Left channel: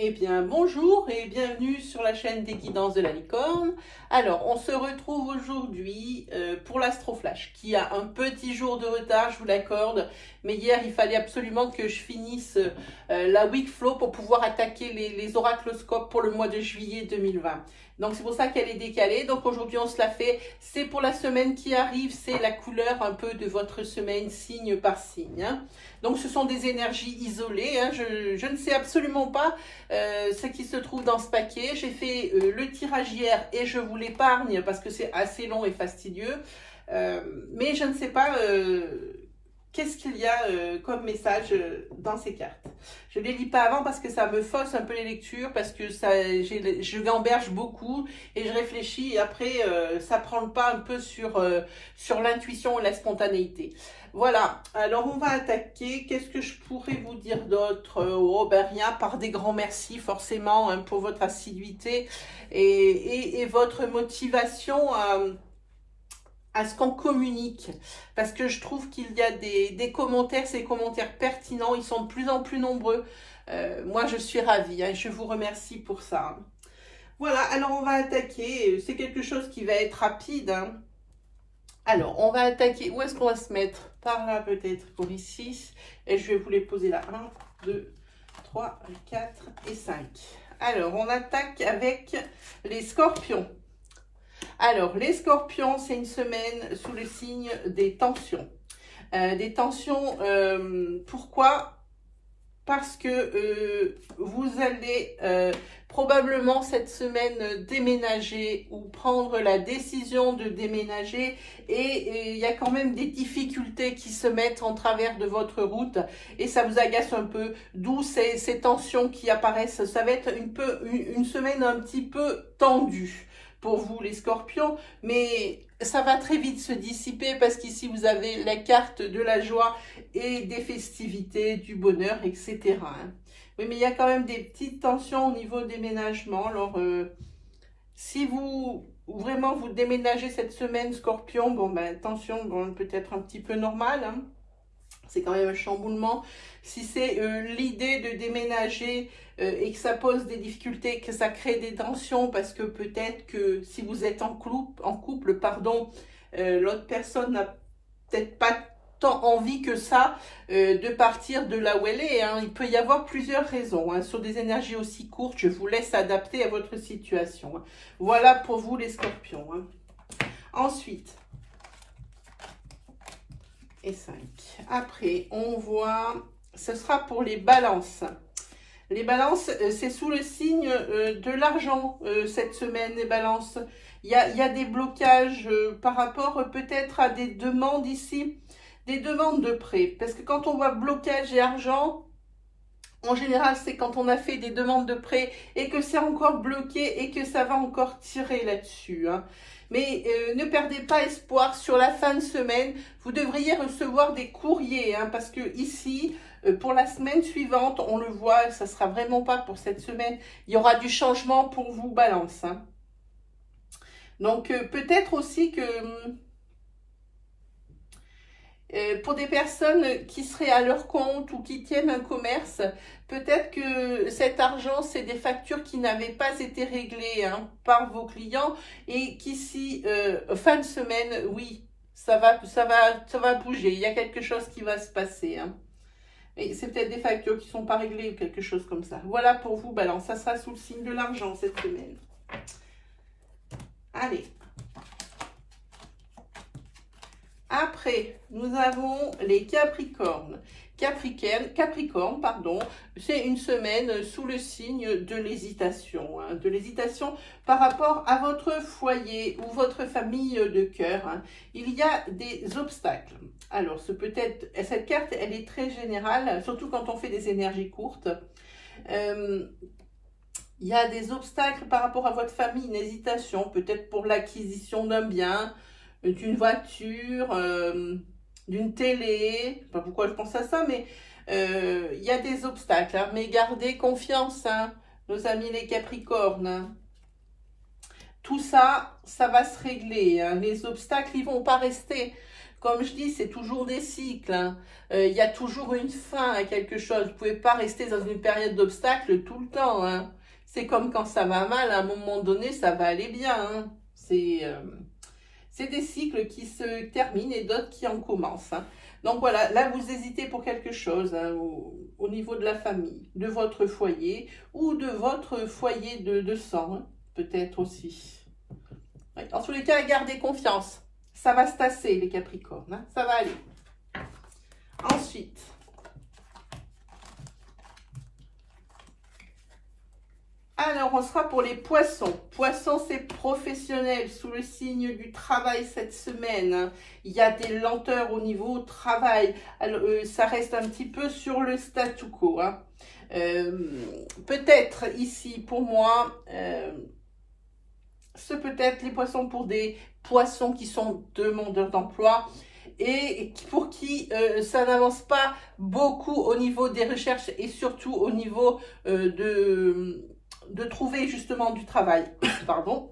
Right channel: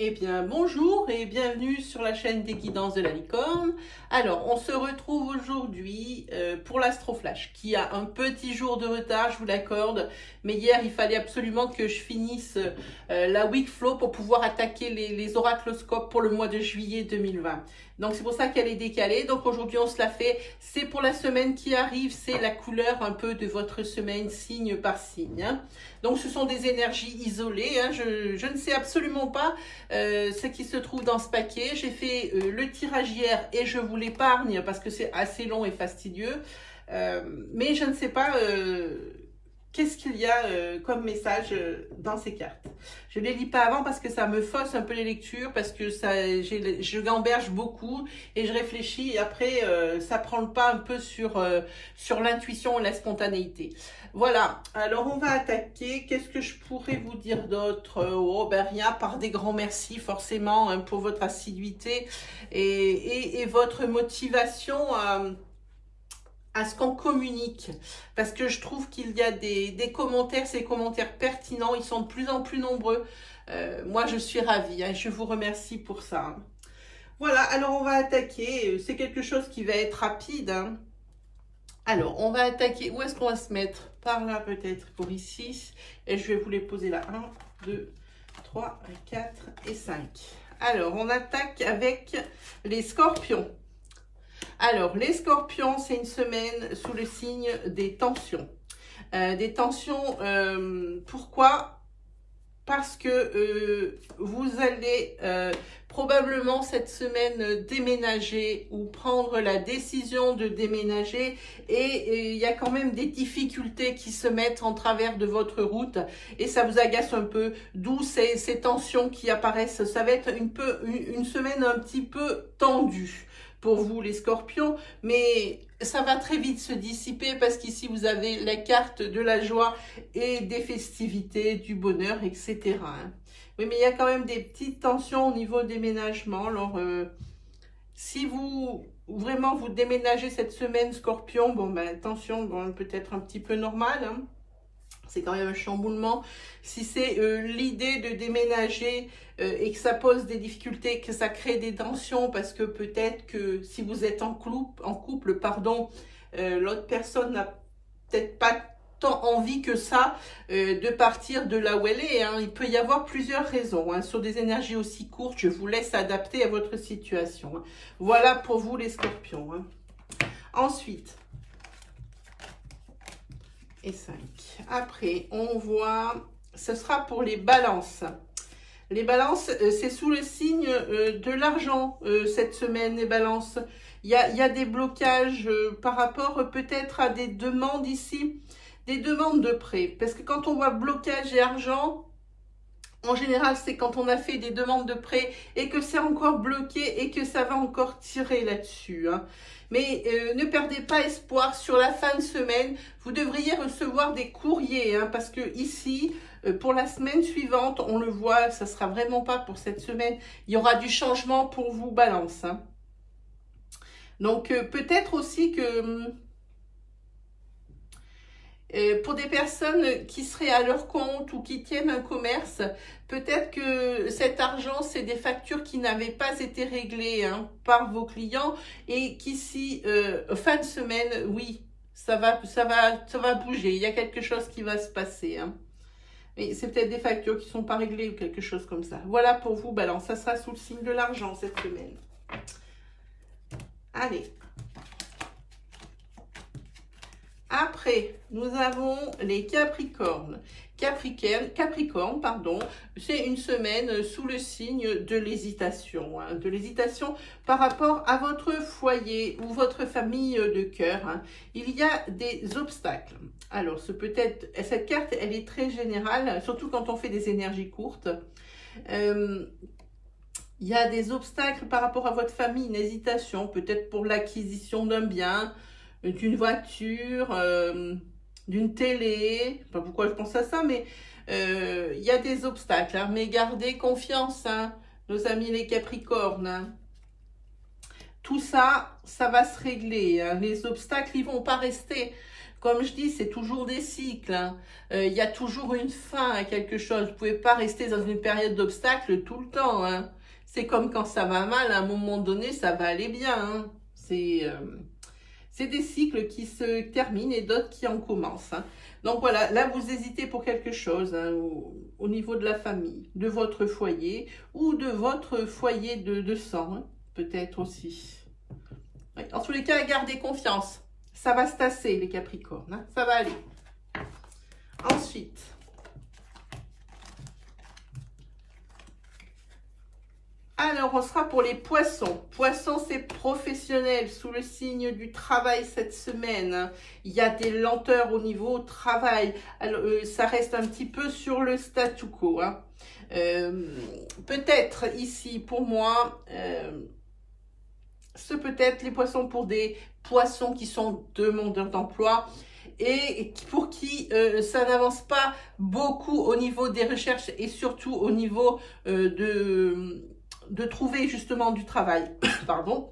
Eh bien, bonjour et bienvenue sur la chaîne des guidances de la licorne. Alors, on se retrouve aujourd'hui pour l'Astroflash, qui a un petit jour de retard, je vous l'accorde. Mais hier, il fallait absolument que je finisse la week flow pour pouvoir attaquer les oracloscopes pour le mois de juillet 2020. Donc, c'est pour ça qu'elle est décalée. Donc, aujourd'hui, on se la fait. C'est pour la semaine qui arrive. C'est la couleur un peu de votre semaine, signe par signe. Hein. Donc, ce sont des énergies isolées. Hein. Je ne sais absolument pas ce qui se trouve dans ce paquet. J'ai fait le tirage hier et je vous l'épargne parce que c'est assez long et fastidieux. Mais je ne sais pas qu'est-ce qu'il y a comme message dans ces cartes. Je ne les lis pas avant parce que ça me fausse un peu les lectures, parce que je gamberge beaucoup et je réfléchis et après ça prend le pas un peu sur l'intuition et la spontanéité. Voilà, alors on va attaquer. Qu'est-ce que je pourrais vous dire d'autre? Oh ben rien, par des grands merci forcément hein, pour votre assiduité et votre motivation à ce qu'on communique, parce que je trouve qu'il y a des commentaires, ces commentaires pertinents, ils sont de plus en plus nombreux. Moi je suis ravie, hein, je vous remercie pour ça. Voilà, alors on va attaquer, c'est quelque chose qui va être rapide. Hein. Alors, on va attaquer, où est-ce qu'on va se mettre? Par là peut-être, pour ici. Et je vais vous les poser là. 1, 2, 3, 4 et 5. Alors, on attaque avec les scorpions. Alors, les scorpions, c'est une semaine sous le signe des tensions. Pourquoi? Parce que vous allez probablement cette semaine déménager ou prendre la décision de déménager et il y a quand même des difficultés qui se mettent en travers de votre route et ça vous agace un peu, d'où ces tensions qui apparaissent. Ça va être une semaine un petit peu tendue pour vous les scorpions, mais ça va très vite se dissiper parce qu'ici vous avez la carte de la joie et des festivités, du bonheur, etc. Hein. Oui, mais il y a quand même des petites tensions au niveau déménagement. Alors, si vous déménagez cette semaine, scorpion, bon ben attention, bon, peut-être un petit peu normal, hein. C'est quand même un chamboulement. Si c'est l'idée de déménager et que ça pose des difficultés, que ça crée des tensions, parce que peut-être que si vous êtes en couple, pardon, l'autre personne n'a peut-être pas tant envie que ça de partir de là où elle est. Hein. Il peut y avoir plusieurs raisons. Hein. Sur des énergies aussi courtes, je vous laisse adapter à votre situation. Hein. Voilà pour vous les scorpions. Hein. Ensuite, et 5. Après, on voit, ce sera pour les balances. Les balances, c'est sous le signe de l'argent cette semaine, les balances. Il y a des blocages par rapport peut-être à des demandes ici, des demandes de prêt. Parce que quand on voit blocage et argent, en général, c'est quand on a fait des demandes de prêt et que c'est encore bloqué et que ça va encore tirer là-dessus. Hein. Mais ne perdez pas espoir, sur la fin de semaine, vous devriez recevoir des courriers, hein, parce que ici, pour la semaine suivante, on le voit, ça ne sera vraiment pas pour cette semaine, il y aura du changement pour vous, balance. Hein. Donc, peut-être aussi que pour des personnes qui seraient à leur compte ou qui tiennent un commerce, peut-être que cet argent, c'est des factures qui n'avaient pas été réglées hein, par vos clients et qu'ici, fin de semaine, oui, ça va bouger. Il y a quelque chose qui va se passer. Hein. Mais c'est peut-être des factures qui ne sont pas réglées ou quelque chose comme ça. Voilà pour vous, balance. Ça sera sous le signe de l'argent cette semaine. Allez. Après, nous avons les Capricornes. Capricorne, pardon, c'est une semaine sous le signe de l'hésitation. Hein, de l'hésitation par rapport à votre foyer ou votre famille de cœur. Hein. Il y a des obstacles. Alors, cette carte, elle est très générale, surtout quand on fait des énergies courtes. Il y a des obstacles par rapport à votre famille, une hésitation, peut-être pour l'acquisition d'un bien, d'une voiture, d'une télé, je sais pas pourquoi je pense à ça, mais il y a des obstacles. Hein, mais gardez confiance, hein, nos amis les Capricornes. Hein. Tout ça, ça va se régler. Hein. Les obstacles, ils vont pas rester. Comme je dis, c'est toujours des cycles. Hein. Il y a toujours une fin à quelque chose. Vous ne pouvez pas rester dans une période d'obstacles tout le temps. Hein. C'est comme quand ça va mal, à un moment donné, ça va aller bien. Hein. C'est des cycles qui se terminent et d'autres qui en commencent. Hein. Donc voilà, là vous hésitez pour quelque chose hein, au niveau de la famille, de votre foyer ou de votre foyer de sang, hein, peut-être aussi. Oui, en tous les cas, gardez confiance. Ça va se tasser les Capricornes, hein, ça va aller. Ensuite, alors on sera pour les poissons. Poissons, c'est professionnel sous le signe du travail cette semaine. Hein. Il y a des lenteurs au niveau travail. Alors, ça reste un petit peu sur le statu quo. Hein. Peut-être ici pour moi, ce peut-être les poissons pour des poissons qui sont demandeurs d'emploi et pour qui ça n'avance pas beaucoup au niveau des recherches et surtout au niveau de trouver justement du travail. Pardon.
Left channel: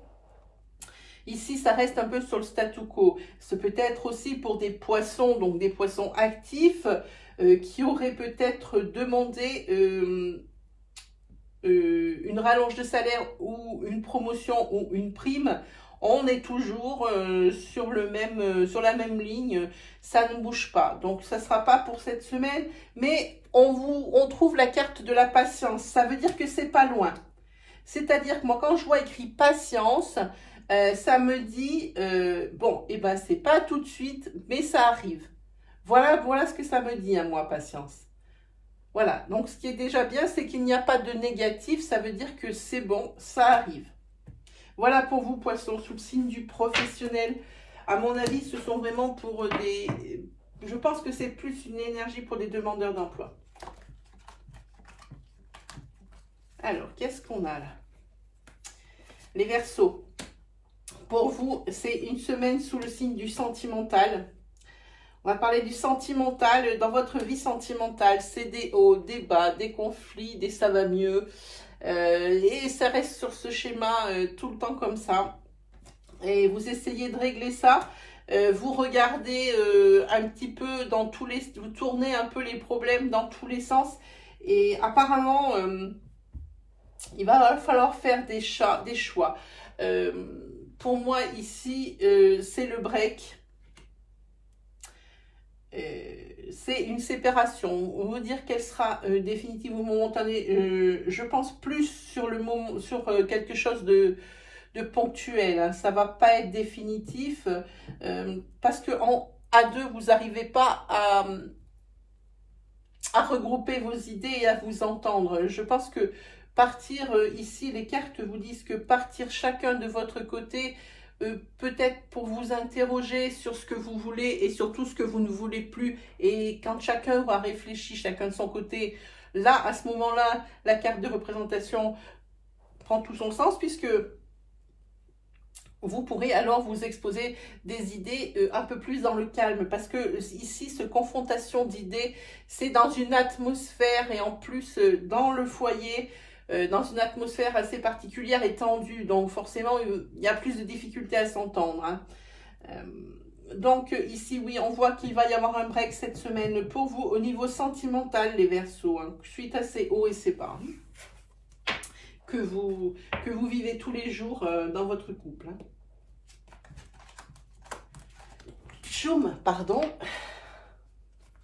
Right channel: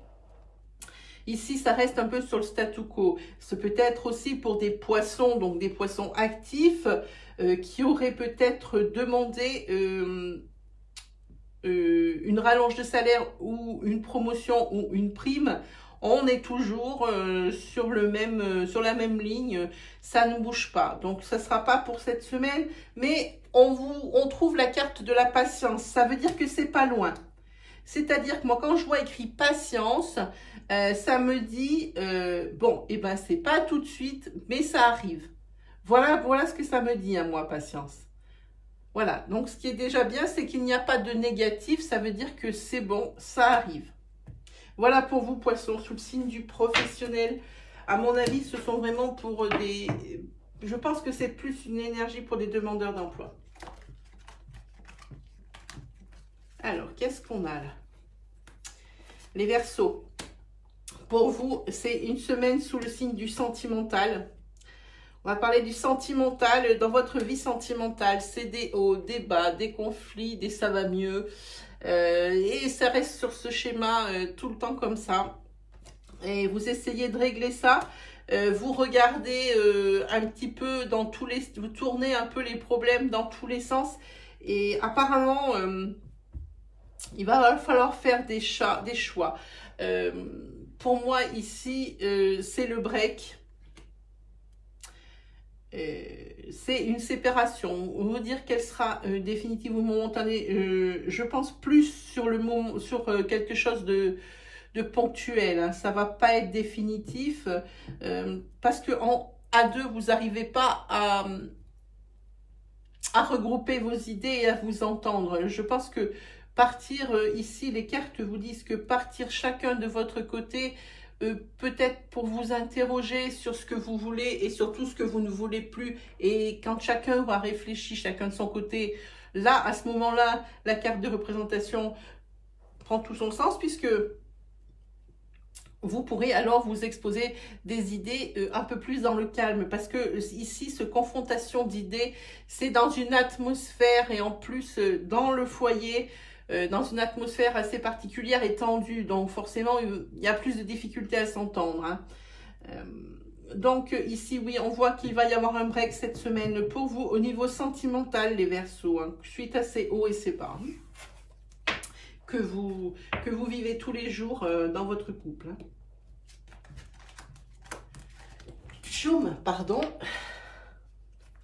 Ici, ça reste un peu sur le statu quo. C'est peut-être aussi pour des poissons, donc des poissons actifs, qui auraient peut-être demandé une rallonge de salaire ou une promotion ou une prime. On est toujours sur la même ligne, ça ne bouge pas. Donc, ça ne sera pas pour cette semaine, mais on trouve la carte de la patience. Ça veut dire que c'est pas loin. C'est-à-dire que moi, quand je vois écrit patience, ça me dit, bon, et ben c'est pas tout de suite, mais ça arrive. Voilà ce que ça me dit à moi, patience. Voilà, donc ce qui est déjà bien, c'est qu'il n'y a pas de négatif, ça veut dire que c'est bon, ça arrive. Voilà pour vous, poissons, sous le signe du professionnel. À mon avis, ce sont vraiment pour des... Je pense que c'est plus une énergie pour des demandeurs d'emploi. Alors, qu'est-ce qu'on a là? Les Verseaux. Pour vous, c'est une semaine sous le signe du sentimental. On va parler du sentimental. Dans votre vie sentimentale, c'est des hauts, des bas, des conflits, des ça va mieux. Et ça reste sur ce schéma tout le temps comme ça. Et vous essayez de régler ça. Vous regardez un petit peu dans tous les... Vous tournez un peu les problèmes dans tous les sens. Et apparemment... il va falloir faire des choix. Pour moi, ici, c'est le break. C'est une séparation. On veut dire qu'elle sera définitive ou momentanée. Je pense plus sur le moment, sur quelque chose de ponctuel. Hein. Ça ne va pas être définitif parce que à deux, vous n'arrivez pas à regrouper vos idées et à vous entendre. Je pense que partir ici, les cartes vous disent que partir chacun de votre côté, peut-être pour vous interroger sur ce que vous voulez et surtout ce que vous ne voulez plus. Et quand chacun aura réfléchi, chacun de son côté, là, à ce moment-là, la carte de représentation prend tout son sens puisque vous pourrez alors vous exposer des idées un peu plus dans le calme. Parce que ici, ce confrontation d'idées, c'est dans une atmosphère et en plus dans le foyer, dans une atmosphère assez particulière et tendue. Donc forcément, il y a plus de difficultés à s'entendre. Hein. Donc ici, oui, on voit qu'il va y avoir un break cette semaine pour vous au niveau sentimental, les Verseaux. Hein, suite à ces hauts et ces bas que vous vivez tous les jours dans votre couple. Hein. Choum, pardon.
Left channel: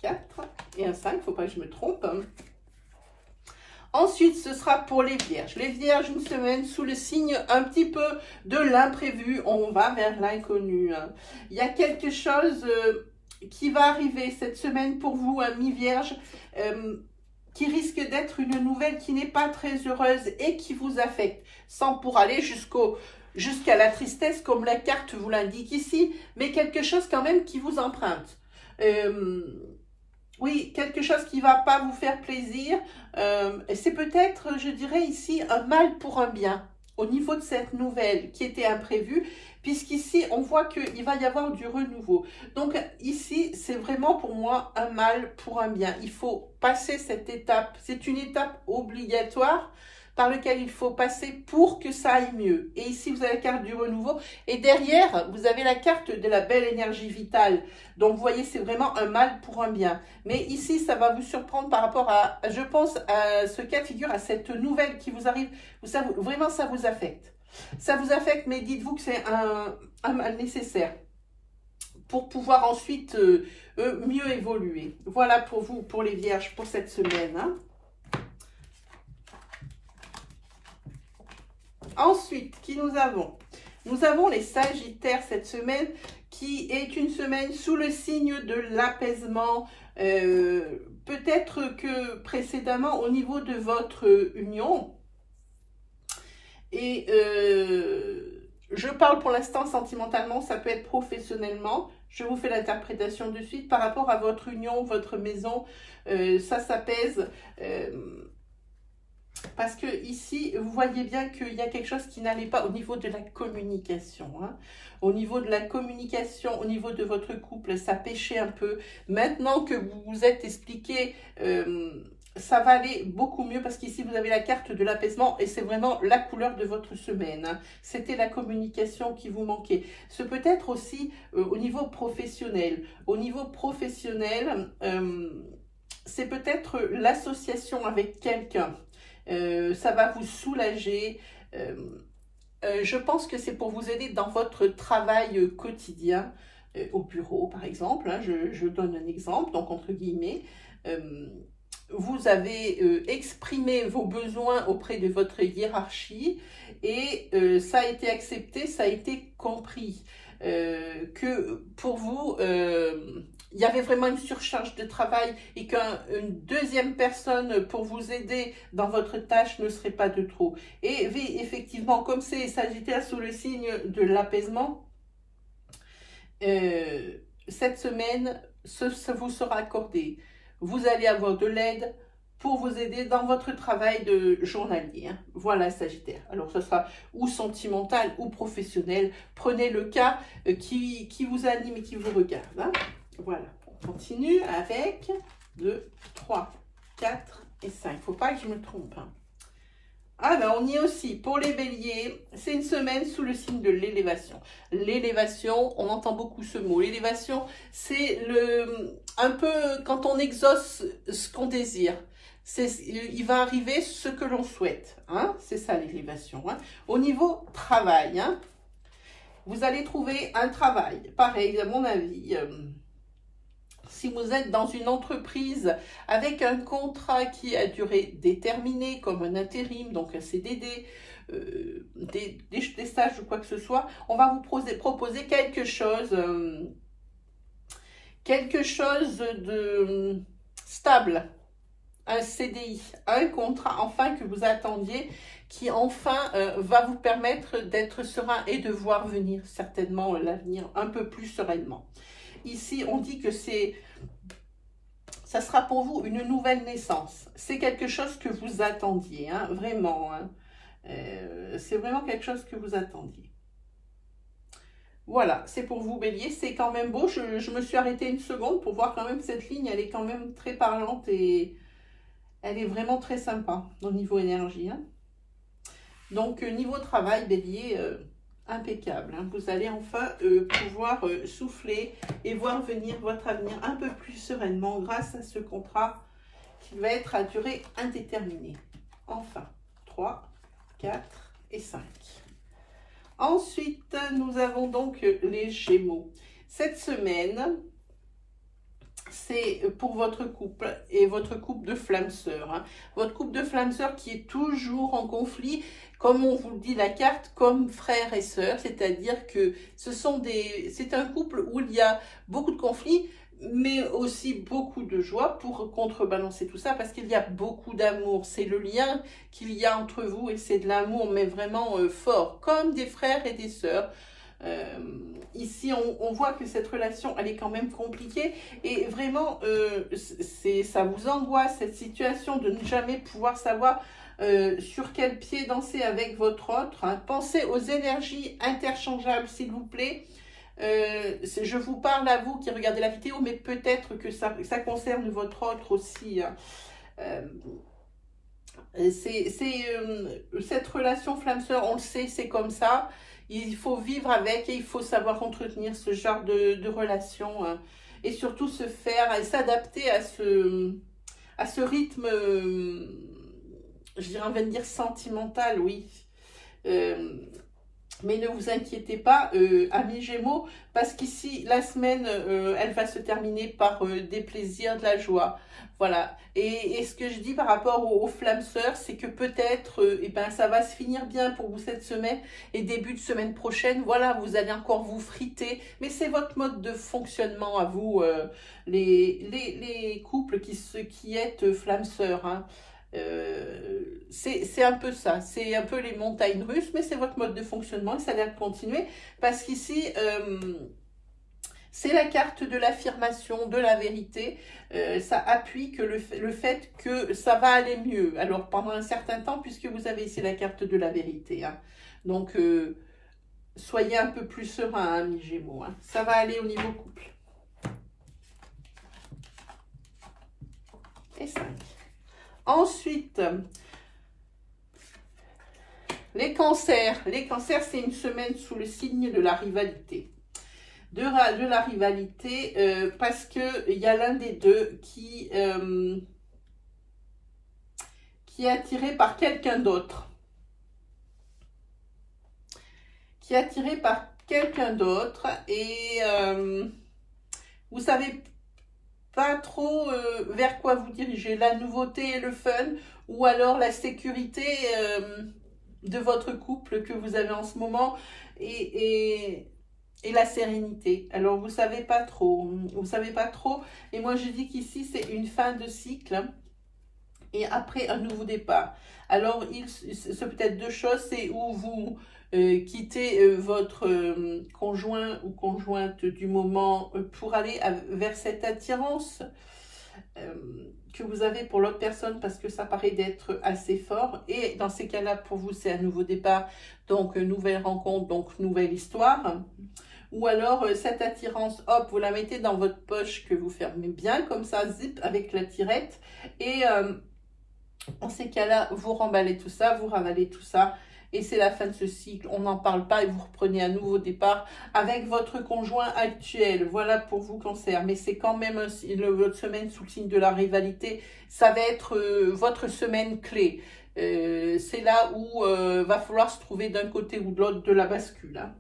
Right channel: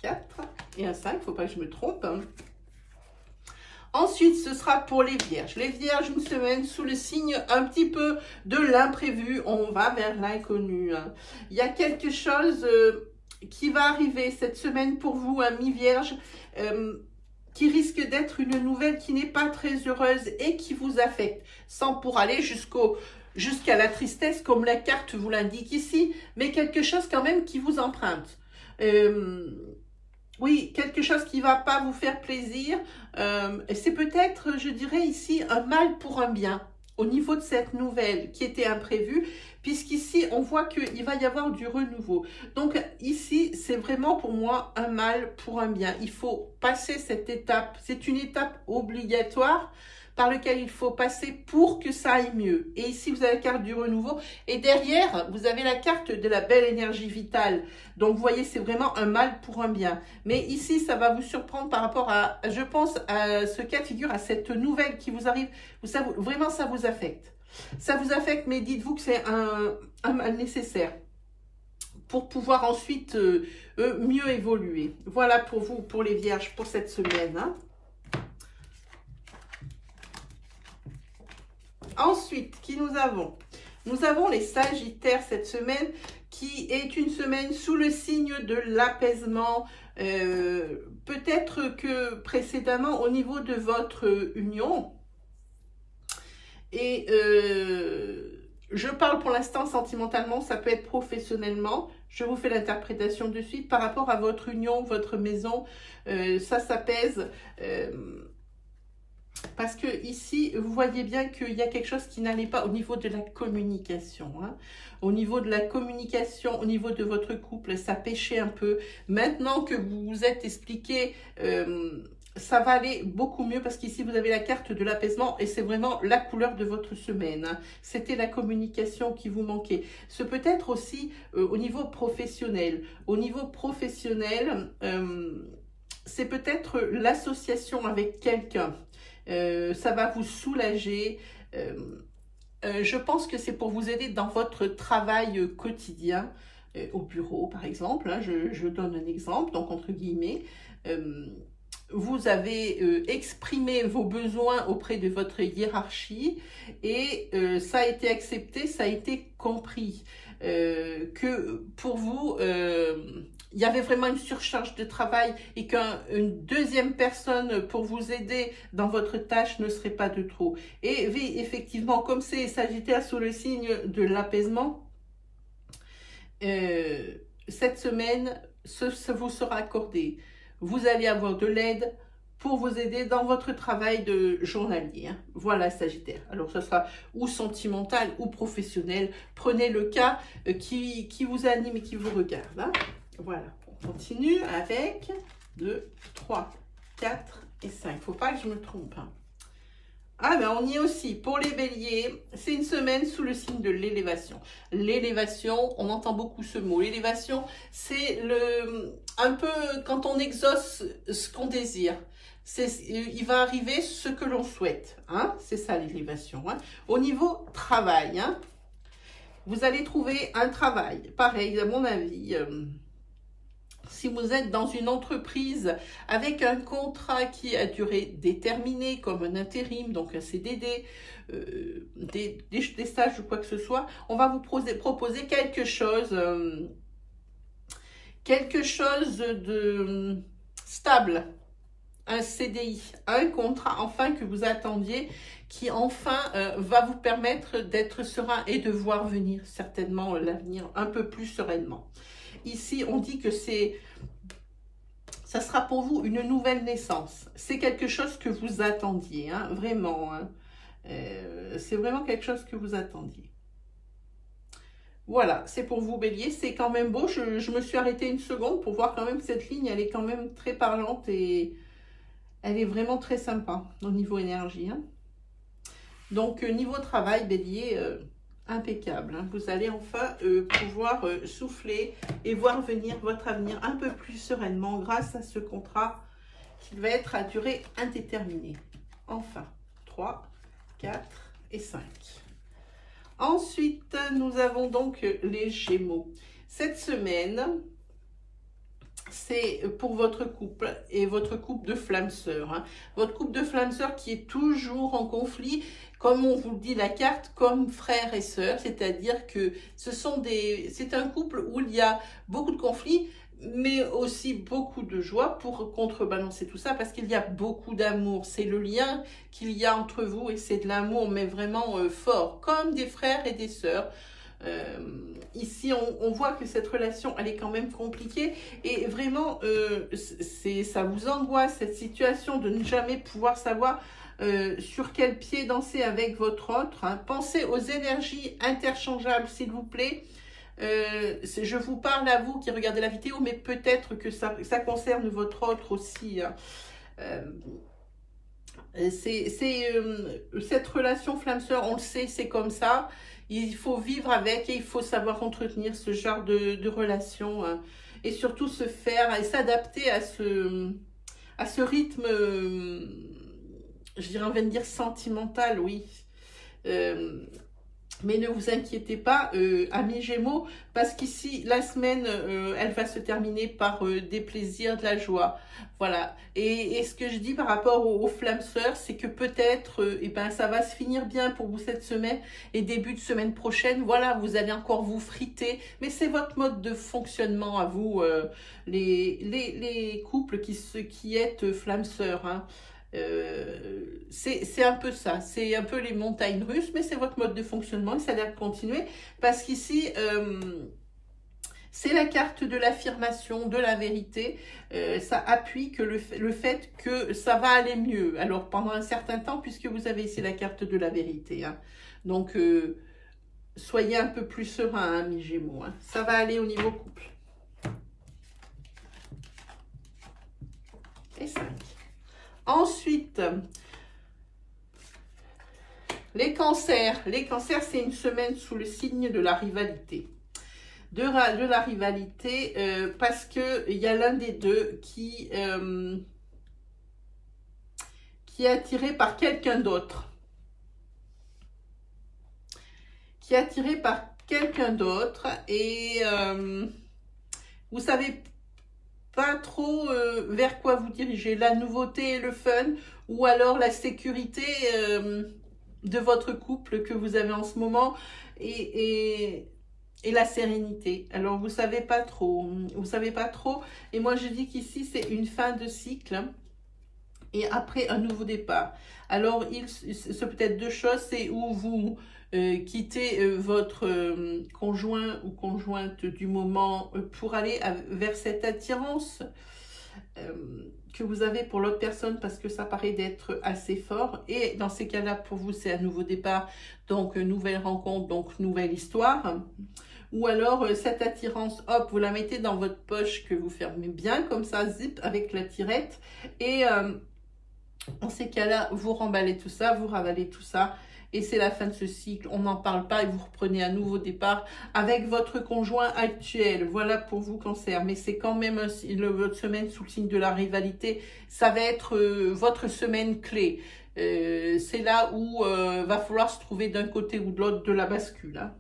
4 et un 5, il ne faut pas que je me trompe. Hein. Ensuite, ce sera pour les Vierges. Les Vierges, une semaine sous le signe un petit peu de l'imprévu. On va vers l'inconnu. Hein. Il y a quelque chose qui va arriver cette semaine pour vous, amis Vierges, qui risque d'être une nouvelle qui n'est pas très heureuse et qui vous affecte, sans pour aller jusqu'à la tristesse, comme la carte vous l'indique ici, mais quelque chose quand même qui vous emprunte. Oui, quelque chose qui ne va pas vous faire plaisir. C'est peut-être, je dirais ici, un mal pour un bien au niveau de cette nouvelle qui était imprévue, puisqu'ici, on voit qu'il va y avoir du renouveau. Donc ici, c'est vraiment pour moi un mal pour un bien. Il faut passer cette étape. C'est une étape obligatoire, par lequel il faut passer pour que ça aille mieux. Et ici, vous avez la carte du renouveau. Et derrière, vous avez la carte de la belle énergie vitale. Donc, vous voyez, c'est vraiment un mal pour un bien. Mais ici, ça va vous surprendre par rapport à, je pense, à ce cas de figure, à cette nouvelle qui vous arrive. Vraiment, ça vous affecte. Ça vous affecte, mais dites-vous que c'est un mal nécessaire pour pouvoir ensuite mieux évoluer. Voilà pour vous, pour les vierges, pour cette semaine. Hein. Ensuite, qui nous avons? Nous avons les sagittaires cette semaine, qui est une semaine sous le signe de l'apaisement. Peut-être que précédemment, au niveau de votre union, et je parle pour l'instant sentimentalement, ça peut être professionnellement. Je vous fais l'interprétation de suite par rapport à votre union, votre maison. Ça s'apaise. Parce que ici, vous voyez bien qu'il y a quelque chose qui n'allait pas au niveau de la communication. Hein. Au niveau de la communication, au niveau de votre couple, ça pêchait un peu. Maintenant que vous vous êtes expliqué, ça va aller beaucoup mieux parce qu'ici, vous avez la carte de l'apaisement et c'est vraiment la couleur de votre semaine. Hein. C'était la communication qui vous manquait. Ce peut être aussi au niveau professionnel. Au niveau professionnel, c'est peut-être l'association avec quelqu'un. Ça va vous soulager. Je pense que c'est pour vous aider dans votre travail quotidien, au bureau par exemple. Hein, je donne un exemple, donc entre guillemets. Vous avez exprimé vos besoins auprès de votre hiérarchie et ça a été accepté, ça a été compris. Que pour vous, il y avait vraiment une surcharge de travail et qu'une deuxième personne pour vous aider dans votre tâche ne serait pas de trop. Et effectivement, comme c'est Sagittaire sous le signe de l'apaisement, cette semaine, ça vous sera accordé. Vous allez avoir de l'aide pour vous aider dans votre travail de journalier. Hein. Voilà, Sagittaire. Alors, ce sera ou sentimental ou professionnel. Prenez le cas qui vous anime et qui vous regarde. Hein. Voilà. On continue avec 2, 3, 4 et 5. Il ne faut pas que je me trompe. Hein. Ah ben on y est aussi. Pour les béliers, c'est une semaine sous le signe de l'élévation. L'élévation, on entend beaucoup ce mot. L'élévation, c'est un peu quand on exauce ce qu'on désire. Il va arriver ce que l'on souhaite. Hein? C'est ça l'élévation. Hein? Au niveau travail, hein? Vous allez trouver un travail. Pareil, à mon avis... si vous êtes dans une entreprise avec un contrat qui a durée déterminée, comme un intérim, donc un CDD, des stages ou quoi que ce soit, on va vous proposer quelque chose de stable, un CDI, un contrat enfin que vous attendiez, qui enfin va vous permettre d'être serein et de voir venir certainement l'avenir un peu plus sereinement. Ici, on dit que ça sera pour vous une nouvelle naissance. C'est quelque chose que vous attendiez, hein, vraiment. Hein. C'est vraiment quelque chose que vous attendiez. Voilà, c'est pour vous, Bélier. C'est quand même beau. Je me suis arrêtée une seconde pour voir quand même cette ligne. Elle est quand même très parlante et elle est vraiment très sympa au niveau énergie. Hein. Donc, niveau travail, Bélier... impeccable. Hein. Vous allez enfin pouvoir souffler et voir venir votre avenir un peu plus sereinement grâce à ce contrat qui va être à durée indéterminée. Enfin, 3, 4 et 5. Ensuite, nous avons donc les Gémeaux. Cette semaine, c'est pour votre couple et votre couple de flammes sœurs. Hein. Votre couple de flammes sœurs qui est toujours en conflit, comme on vous dit la carte, comme frères et sœurs, c'est-à-dire que c'est un couple où il y a beaucoup de conflits, mais aussi beaucoup de joie pour contrebalancer tout ça, parce qu'il y a beaucoup d'amour. C'est le lien qu'il y a entre vous et c'est de l'amour, mais vraiment fort, comme des frères et des sœurs. Ici, on voit que cette relation, elle est quand même compliquée et vraiment, ça vous angoisse, cette situation de ne jamais pouvoir savoir sur quel pied danser avec votre autre. Hein. Pensez aux énergies interchangeables, s'il vous plaît. Je vous parle à vous qui regardez la vidéo, mais peut-être que ça concerne votre autre aussi. Hein. Cette relation flamme-sœur, on le sait, c'est comme ça. Il faut vivre avec et il faut savoir entretenir ce genre de relation. Hein, et surtout se faire et s'adapter à ce rythme, je dirais, on va dire sentimental, oui. Mais ne vous inquiétez pas, amis Gémeaux, parce qu'ici, la semaine, elle va se terminer par des plaisirs, de la joie. Voilà. Et ce que je dis par rapport aux flammes sœurs, c'est que peut-être, eh ben, ça va se finir bien pour vous cette semaine et début de semaine prochaine. Voilà, vous allez encore vous friter. Mais c'est votre mode de fonctionnement à vous, les couples qui êtes flammes sœurs, hein. C'est un peu ça, c'est un peu les montagnes russes, mais c'est votre mode de fonctionnement et ça a l'air de continuer parce qu'ici, c'est la carte de l'affirmation, de la vérité. Ça appuie que le fait que ça va aller mieux. Alors, pendant un certain temps, puisque vous avez ici la carte de la vérité. Hein. Donc, soyez un peu plus serein, hein, mes Gémeaux. Hein. Ça va aller au niveau couple. Et 5. Ensuite, les cancers. Les cancers, c'est une semaine sous le signe de la rivalité. De la rivalité, parce qu'il y a l'un des deux qui est attiré par quelqu'un d'autre. Qui est attiré par quelqu'un d'autre et vous savez pas trop vers quoi vous diriger, la nouveauté et le fun, ou alors la sécurité de votre couple que vous avez en ce moment et la sérénité. Alors vous savez pas trop, et moi je dis qu'ici c'est une fin de cycle et après un nouveau départ. Alors c'est peut-être deux choses, c'est où vous quittez votre conjoint ou conjointe du moment pour aller vers cette attirance que vous avez pour l'autre personne, parce que ça paraît d'être assez fort. Et dans ces cas-là, pour vous, c'est un nouveau départ, donc nouvelle rencontre, donc nouvelle histoire. Ou alors, cette attirance, hop, vous la mettez dans votre poche que vous fermez bien, comme ça, zip, avec la tirette. Et dans ces cas-là, vous remballez tout ça, vous ravalez tout ça. Et c'est la fin de ce cycle, on n'en parle pas et vous reprenez un nouveau départ avec votre conjoint actuel. Voilà pour vous, Cancer. Mais c'est quand même votre semaine sous le signe de la rivalité. Ça va être votre semaine clé. C'est là où va falloir se trouver d'un côté ou de l'autre de la bascule. Hein.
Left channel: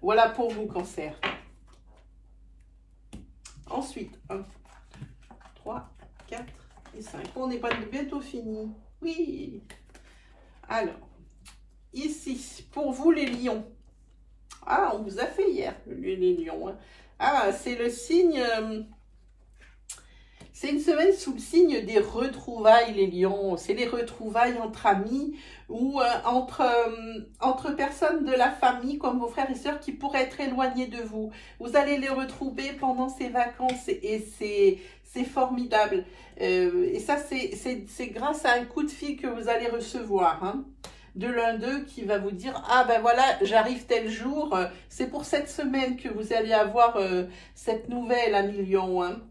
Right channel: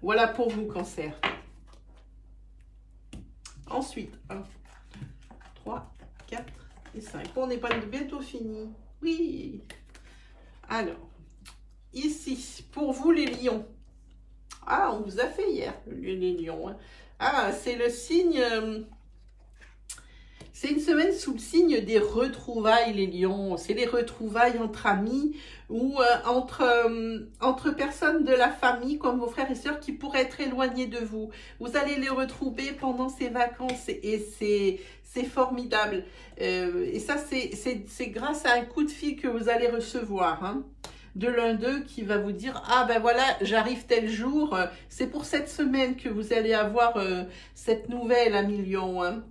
Voilà pour vous, Cancer. Ensuite, 1, 3, 4 et 5. On n'est pas bientôt fini. Oui. Alors. Ici, pour vous les lions. Ah, on vous a fait hier, les lions. Hein. Ah, c'est le signe... c'est une semaine sous le signe des retrouvailles, les lions. C'est les retrouvailles entre amis ou entre personnes de la famille, comme vos frères et sœurs, qui pourraient être éloignés de vous. Vous allez les retrouver pendant ces vacances et c'est formidable. Et ça, c'est grâce à un coup de fil que vous allez recevoir, hein, de l'un d'eux qui va vous dire « Ah ben voilà, j'arrive tel jour, c'est pour cette semaine que vous allez avoir cette nouvelle, ami lion. Hein. »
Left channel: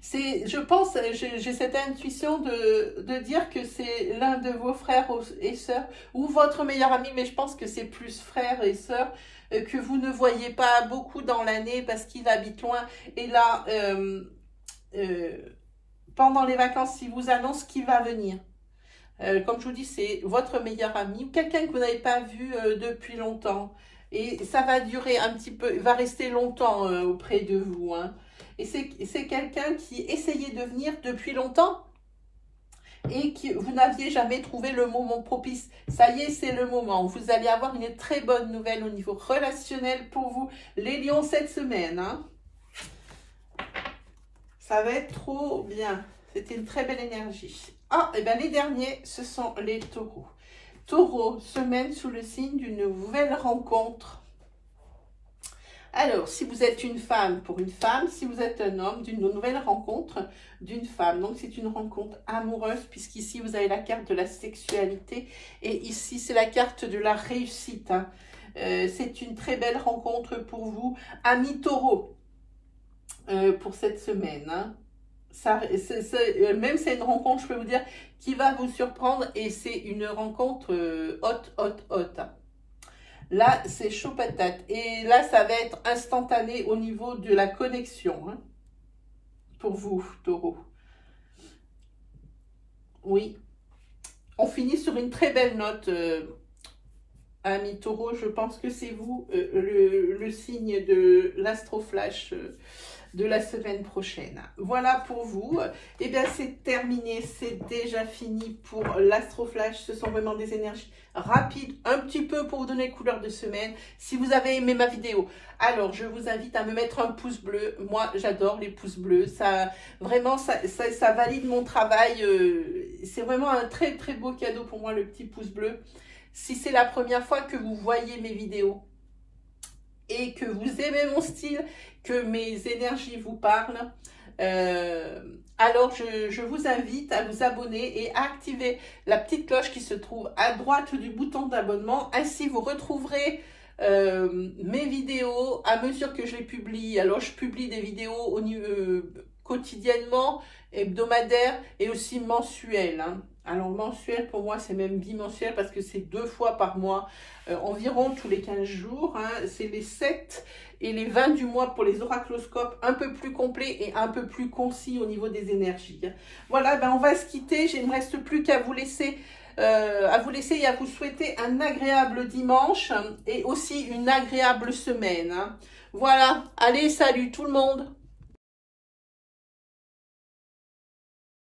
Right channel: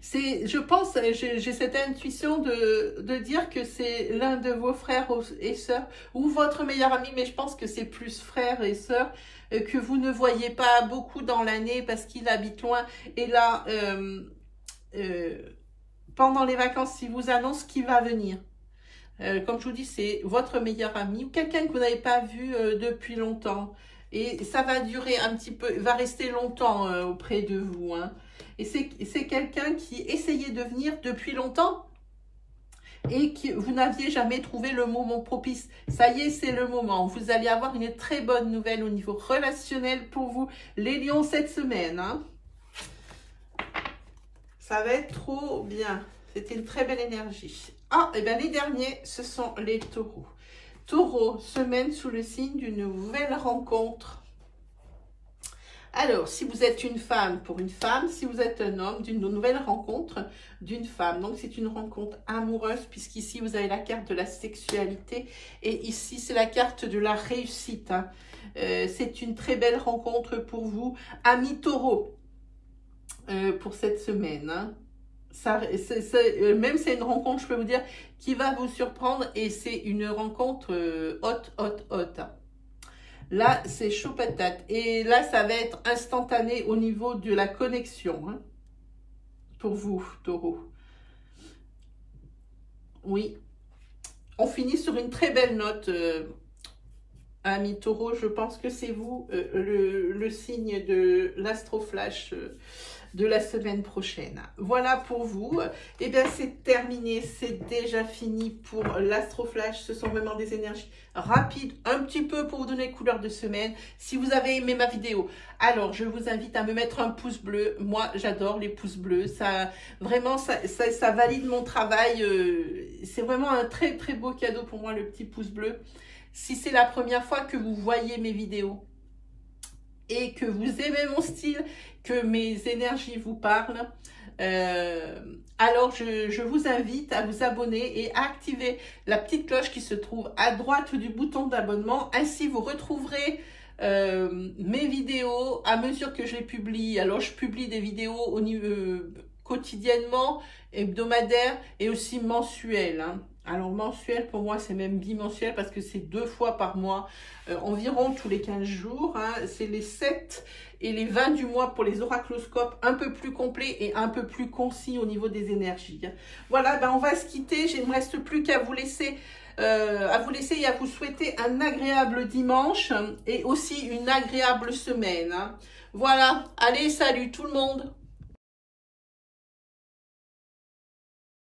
Je pense, j'ai cette intuition de dire que c'est l'un de vos frères et sœurs ou votre meilleur ami, mais je pense que c'est plus frères et sœurs que vous ne voyez pas beaucoup dans l'année parce qu'il habite loin. Et là, pendant les vacances, il vous annonce qu'il va venir. Comme je vous dis, c'est votre meilleur ami, quelqu'un que vous n'avez pas vu depuis longtemps. Et ça va durer un petit peu, va rester longtemps auprès de vous. Hein. Et c'est quelqu'un qui essayait de venir depuis longtemps et que vous n'aviez jamais trouvé le moment propice. Ça y est, c'est le moment. Vous allez avoir une très bonne nouvelle au niveau relationnel pour vous, les lions, cette semaine. Hein. Ça va être trop bien. C'était une très belle énergie. Ah, et bien les derniers, ce sont les taureaux. Taureau, semaine sous le signe d'une nouvelle rencontre. Alors, si vous êtes une femme, pour une femme, si vous êtes un homme, d'une nouvelle rencontre d'une femme. Donc, c'est une rencontre amoureuse, puisqu'ici, vous avez la carte de la sexualité. Et ici, c'est la carte de la réussite. Hein. C'est une très belle rencontre pour vous, amis taureaux, pour cette semaine. Hein. même c'est une rencontre, je peux vous dire, qui va vous surprendre et c'est une rencontre haute. Là, c'est chaud patate. Et là, ça va être instantané au niveau de la connexion. Hein, pour vous, Taureau. Oui. On finit sur une très belle note, amis Taureau. Je pense que c'est vous, le signe de l'Astroflash de la semaine prochaine. Voilà pour vous. Et bien, c'est terminé. C'est déjà fini pour l'Astroflash. Ce sont vraiment des énergies rapides, un petit peu pour vous donner couleur de semaine. Si vous avez aimé ma vidéo, alors je vous invite à me mettre un pouce bleu. Moi, j'adore les pouces bleus. Ça, vraiment, ça valide mon travail. C'est vraiment un très beau cadeau pour moi, le petit pouce bleu. Si c'est la première fois que vous voyez mes vidéos et que vous aimez mon style, que mes énergies vous parlent, alors je vous invite à vous abonner et à activer la petite cloche qui se trouve à droite du bouton d'abonnement. Ainsi, vous retrouverez mes vidéos à mesure que je les publie. Alors, je publie des vidéos au niveau, quotidiennement, hebdomadaire et aussi mensuel. Hein. Alors, mensuel, pour moi, c'est même bimensuel parce que c'est 2 fois par mois, environ tous les 15 jours. Hein. C'est les 7 et les 20 du mois pour les oracloscopes, un peu plus complets et un peu plus concis au niveau des énergies. Hein. Voilà, ben on va se quitter. Il ne me reste plus qu'à vous laisser et à vous souhaiter un agréable dimanche et aussi une agréable semaine. Hein. Voilà, allez, salut tout le monde!